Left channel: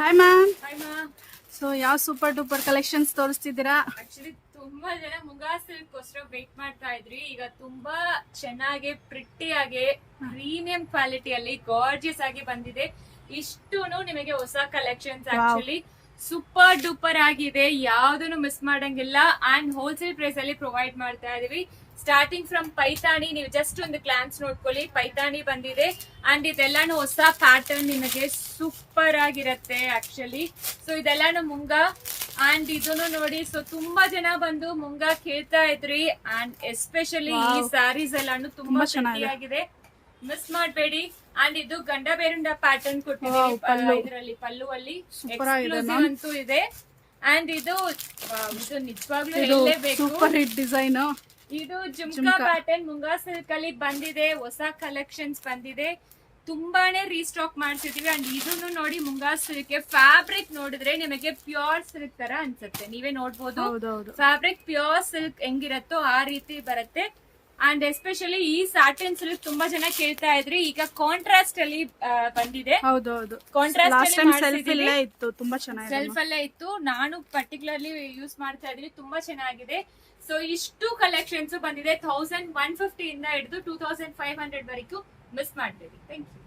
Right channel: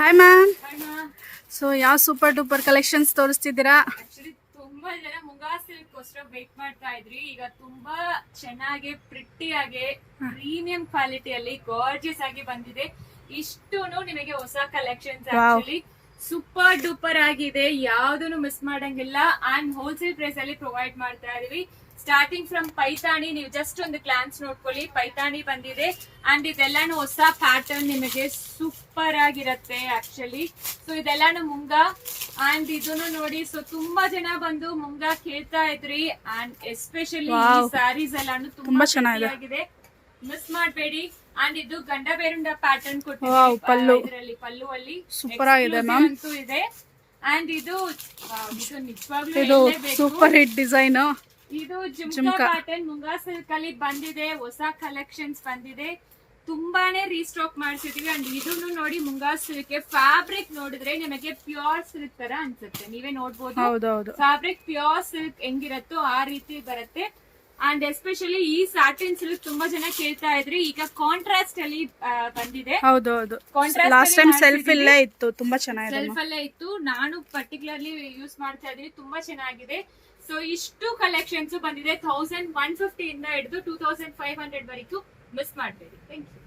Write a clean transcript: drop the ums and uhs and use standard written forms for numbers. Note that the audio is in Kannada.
Hi ma'am. ಹಾಯ್ ಮಾ. ಸೊ ಯಾವ ಸೂಪರ್ ಡೂಪರ್ ಕಲೆಕ್ಷನ್ಸ್ ತೋರಿಸ್ತಿದ್ದೀರಾ? ಆಕ್ಚುಲಿ ತುಂಬಾ ಜನ ಮುಂಗಾ ಸಿಲ್ಕ್ಗೋಸ್ಕರ ವೇಟ್ ಮಾಡ್ತಾ ಇದ್ರಿ. ಈಗ ತುಂಬಾ ಚೆನ್ನಾಗಿ ಪ್ರಿಟಿ ಆಗಿ ಪ್ರೀಮಿಯಂ ಕ್ವಾಲಿಟಿಯಲ್ಲಿ ಗಾರ್ಜಿಯಸ್ ಆಗಿ ಬಂದಿದೆ. ಇಷ್ಟೂನು ನಿಮಗೆ ಹೊಸ ಕಲೆಕ್ಷನ್ಸ್. ಆಕ್ಚುಲಿ ಸೂಪರ್ ಡೂಪರ್ ಆಗಿದೆ, ಯಾವ್ದನ್ನು ಮಿಸ್ ಮಾಡಂಗಿಲ್ಲ. ಅಂಡ್ ಹೋಲ್ಸೇಲ್ ಪ್ರೈಸ್ ಅಲ್ಲಿ ಪ್ರೊವೈಡ್ ಮಾಡ್ತಾ ಇದೀವಿ. ಸ್ಟಾರ್ಟಿಂಗ್ ಫ್ರಮ್ ಪೈತಾನಿ, ನೀವು ಜಸ್ಟ್ ಒಂದು ಗ್ಲಾನ್ಸ್ ನೋಡ್ಕೊಳ್ಳಿ. ಪೈತಾನಿ ಬಂದಿದೆ ಅಂಡ್ ಇದೆಲ್ಲಾನು ಹೊಸ ಪ್ಯಾಟರ್ನ್, ನಿಮಗೆ ಸೂಪರ್ ಆಗಿರತ್ತೆ ಆಕ್ಚುಲಿ. ಸೊ ಇದೆಲ್ಲಾನು ಮುಂಗಾ ಅಂಡ್ ಇದನ್ನು ನೋಡಿ. ಸೊ ತುಂಬಾ ಜನ ಬಂದು ಮುಂಗಾ ಕೇಳ್ತಾ ಇದ್ರಿ ಅಂಡ್ ಎಸ್ಪೆಷಲಿ ಈ ಸ್ಯಾರೀಸ್ ಎಲ್ಲಾನು ತುಂಬಾ ಚೆನ್ನಾಗಿದೆ, ಮಿಸ್ ಮಾಡಬೇಡಿ. ಅಂಡ್ ಇದು ಗಂಡ ಬೇರುಂಡ ಪ್ಯಾಟರ್ನ್ ಕೊಟ್ಟಿದ್ದೀವಿ. ಇದರಲ್ಲಿ ಪಲ್ಲುವಲ್ಲಿ ಸೂಪರ್ ಆಗಿದೆ ಮ್ಯಾಮ್, ಅಂತೂ ಇದೆ. ಅಂಡ್ ಇದು ನಿಜವಾಗ್ಲೂ ಇದು ಸೂಪರ್ ಹಿಟ್ ಡಿಸೈನ್. ಇದು ಜುಮ್ಕಾ ಪ್ಯಾಟರ್ನ್ ಮುಂಗಾ ಸಿಲ್ಕ್ ಅಲ್ಲಿ ಬಂದಿದೆ, ಹೊಸ ಕಲೆಕ್ಷನ್ಸ್ ಬಂದಿದೆ, ತುಂಬಾನೇ ರೀಸ್ಟಾಕ್ ಮಾಡ್ಸಿದೀವಿ. ಅಂಡ್ ಇದನ್ನು ನೋಡಿ, ಮುಂಗಾ ಸಿಲ್ಕ್ ಫ್ಯಾಬ್ರಿಕ್ ನೋಡಿದ್ರೆ ನಿಮಗೆ ಪ್ಯೂರ್ ಸಿಲ್ಕ್ ತರ ಅನ್ಸುತ್ತೆ. ನೀವೇ ನೋಡ್ಬೋದು ಫ್ಯಾಬ್ರಿಕ್ ಪ್ಯೂರ್ ಸಿಲ್ಕ್ ಹೆಂಗಿರತ್ತೋ ಆ ರೀತಿ ಬರುತ್ತೆ. ಅಂಡ್ ಎಸ್ಪೆಷಲಿ ಈ ಸ್ಯಾಟಿನ್ ಸಿಲ್ಕ್ ತುಂಬಾ ಜನ ಕೇಳ್ತಾ ಇದ್ರಿ. ಈಗ ಕಾಂಟ್ರಾಸ್ಟ್ ಅಲ್ಲಿ ಬಂದಿದೆ. ಲಾಸ್ಟ್ ಟೈಮ್ ಸೆಲ್ಫ್ ಇಲ್ಲೇ ಇತ್ತು, ತುಂಬಾ ಚೆನ್ನಾಗಿದೆ. ಸೆಲ್ಫ್ ಅಲ್ಲೇ ಇತ್ತು, ನಾನು ಪರ್ಟಿಕ್ಯುಲರ್ಲಿ ಯೂಸ್ ಮಾಡ್ತಾ ಇದ್ರಿ, ತುಂಬಾ ಚೆನ್ನಾಗಿದೆ. ಸೊ ಇಷ್ಟು ಕಲೆಕ್ಷನ್ಸ್ ಬಂದಿದೆ. 1150 ಇಂದ ಹಿಡಿದು 2500 ವರೆಗೂ ಮಿಸ್ ಮಾಡಬೇಡಿ. Thank you.